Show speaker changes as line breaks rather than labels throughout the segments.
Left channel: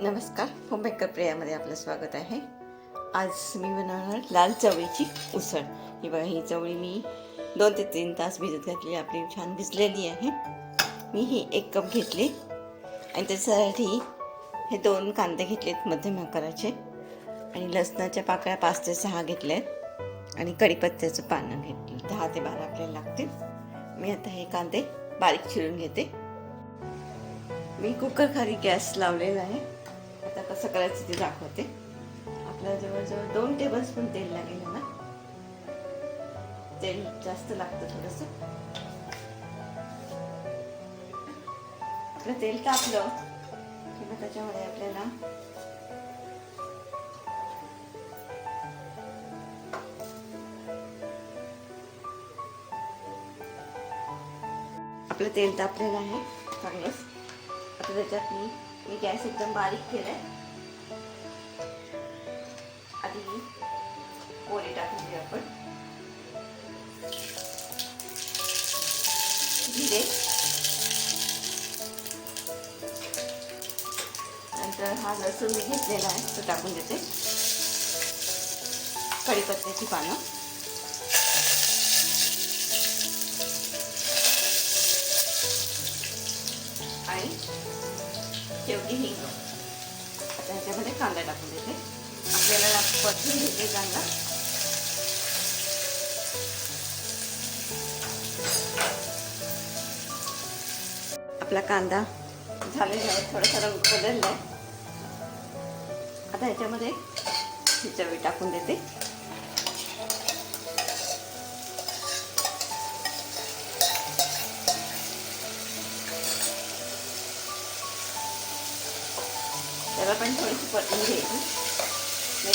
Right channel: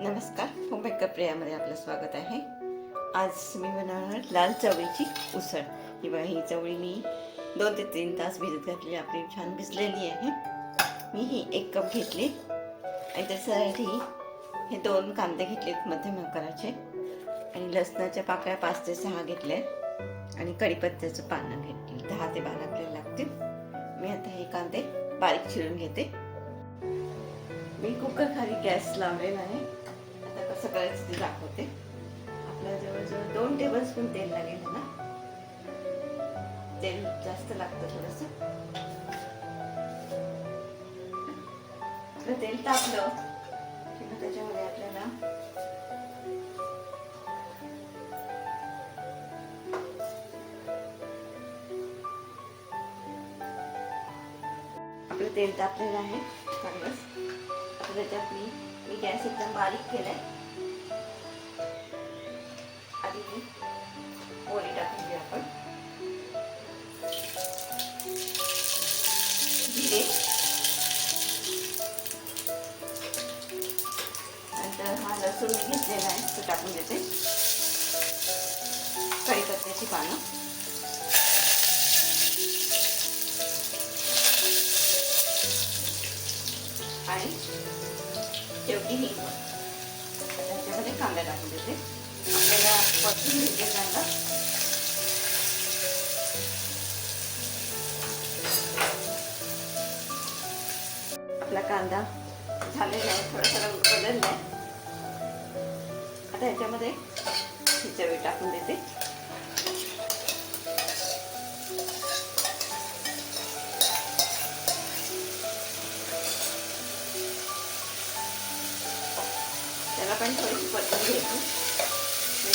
नमस्कार होममेकर प्रियामध्ये आपलं स्वागत आहे. आज मी बनवणार लाल चवळीची उसळ. ही बघा ही चवळी मी दोन ते तीन तास भिजत घातली आपली छान भिजलेली आहे. मी ही एक कप घेतली. आणि त्याच्यासाठी हे दोन कांदे घेतलेत मध्यम आकाराचे. आणि लसणाच्या पाकळ्या पाच ते सहा घेतल्यात. आणि कढीपत्त्याचं पानं घेतली दहा ते बारा आपल्याला लागतील. मी आता हे कांदे बारीक चिरून घेते. मी कुकर खाली गॅस लावलेला आहे. आता कसं करायचं ते दाखवते. आपल्याला जवळजवळ दोन टेबल स्पून तेल लागेल ना तेल जास्त लागतं थोडस. आपलं तेल तापलं की मग त्याच्यामध्ये आपल्याला आपलं तेल तापलेलं आहे. चांगलंच. आता त्याच्यात मी मी गॅस एकदम बारीक केलाय. आधी पोळी टाकून घेऊ आपण. जिरे नंतर हा लसूण मी घेतलेला आहे तो टाकून देते. कढीपत्त्याची पानं. आणि शेवटी हिंग. त्याच्यामध्ये कांदा टाकून देते. आपल्याला परतून घेते कांदा आपला कांदा झालेला आहे थोडा थोडा बदललाय. आता ह्याच्यामध्ये चवी टाकून देते. त्याला पण थोडीशी परतून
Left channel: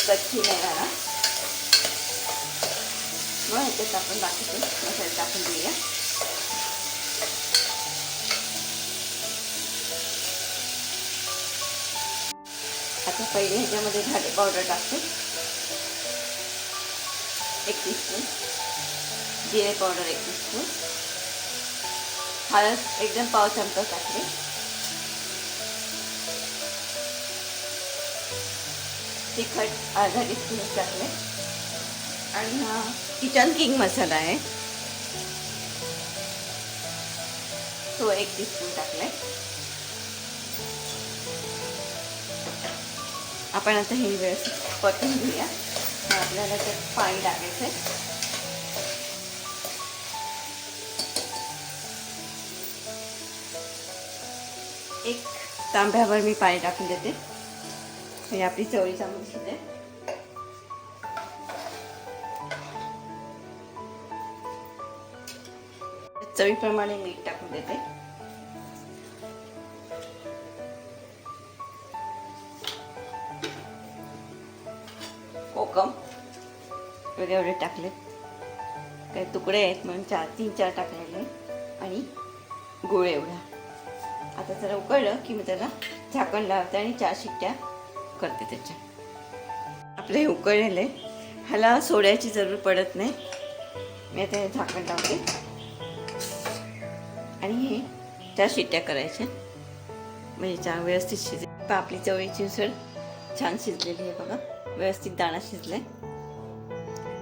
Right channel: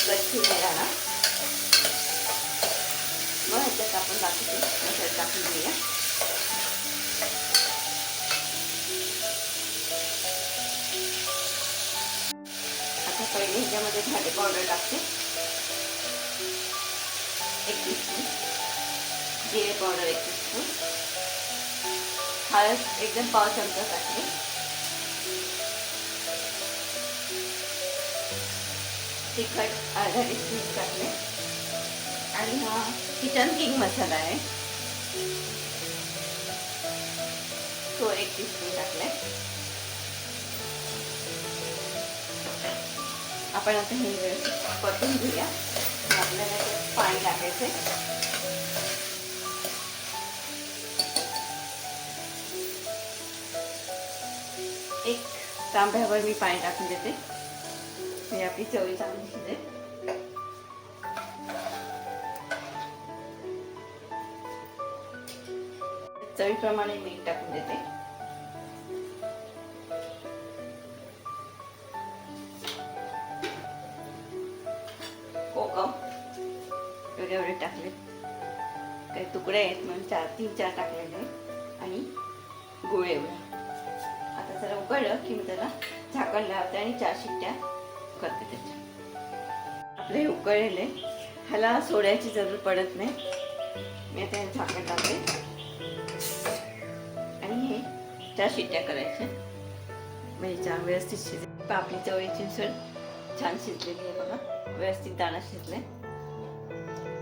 घ्यायची मी कच्ची नाही राहणार. मग ह्याच्यात आपण बाकीचे मसाले टाकून देऊया. आता पहिले ह्याच्यामध्ये झाले पावडर टाकते. एक टीस्पून जिरे पावडर एक टीस्पून हळद एकदम पाव चमचा टाकते. तिखट अर्धा टीस्पून टाकले आणि हा किचन किंग मसाला आहे. तो एक टीस्पून टाकले आपण आता ही वेळ परतून घेऊया. आपल्याला ते पाणी टाकायचं एक तांब्यावर मी पाणी टाकून देते. म्हणजे आपली चवळी चांगली शिजेल चवीप्रमाणे मीठ टाकून देते कोकम एवढे एवढे टाकले काही तुकडे आहेत म्हणून चार तीन चार टाकलेले आणि गुळ एवढा आता जरा उकळलं की मी त्याला झाकण लावते आणि चार शिट्ट्या करते त्याच्या. आपलं हे उकळलेलं आहे ह्याला सोड्याची जरूर पडत नाही. मी आता हे झाकण लावते. आणि हे चार शिट्ट्या करायच्या म्हणजे चहा व्यवस्थित शिजेल. आपली चवळीची उसळ छान शिजलेली आहे बघा. व्यवस्थित दाणा शिजलाय.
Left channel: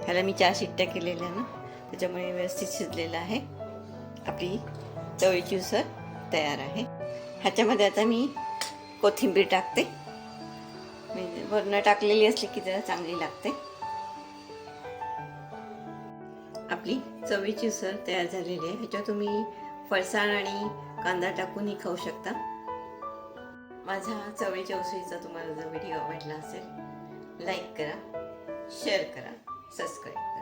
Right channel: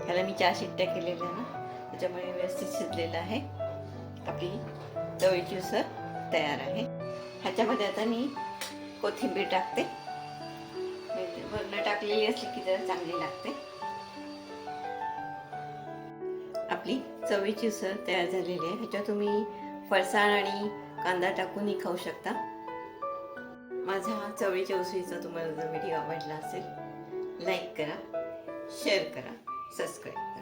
ह्याला मी चार शिट्ट्या केलेल्या ना. त्याच्यामुळे व्यवस्थित शिजलेलं आहे. आपली चवळीची उसळ तयार आहे. ह्याच्यामध्ये आता मी कोथिंबीर टाकते. वरण टाकलेली असली की जरा चांगली लागते. आपली चवीची उसळ तयार झालेली आहे. ह्याच्यात तुम्ही फरसाण आणि कांदा टाकूनही खाऊ शकता. माझा चवळीच्या उसळीचा तुम्हाला जर व्हिडिओ आवडला असेल लाईक करा शेअर करा सबस्क्राईब करा.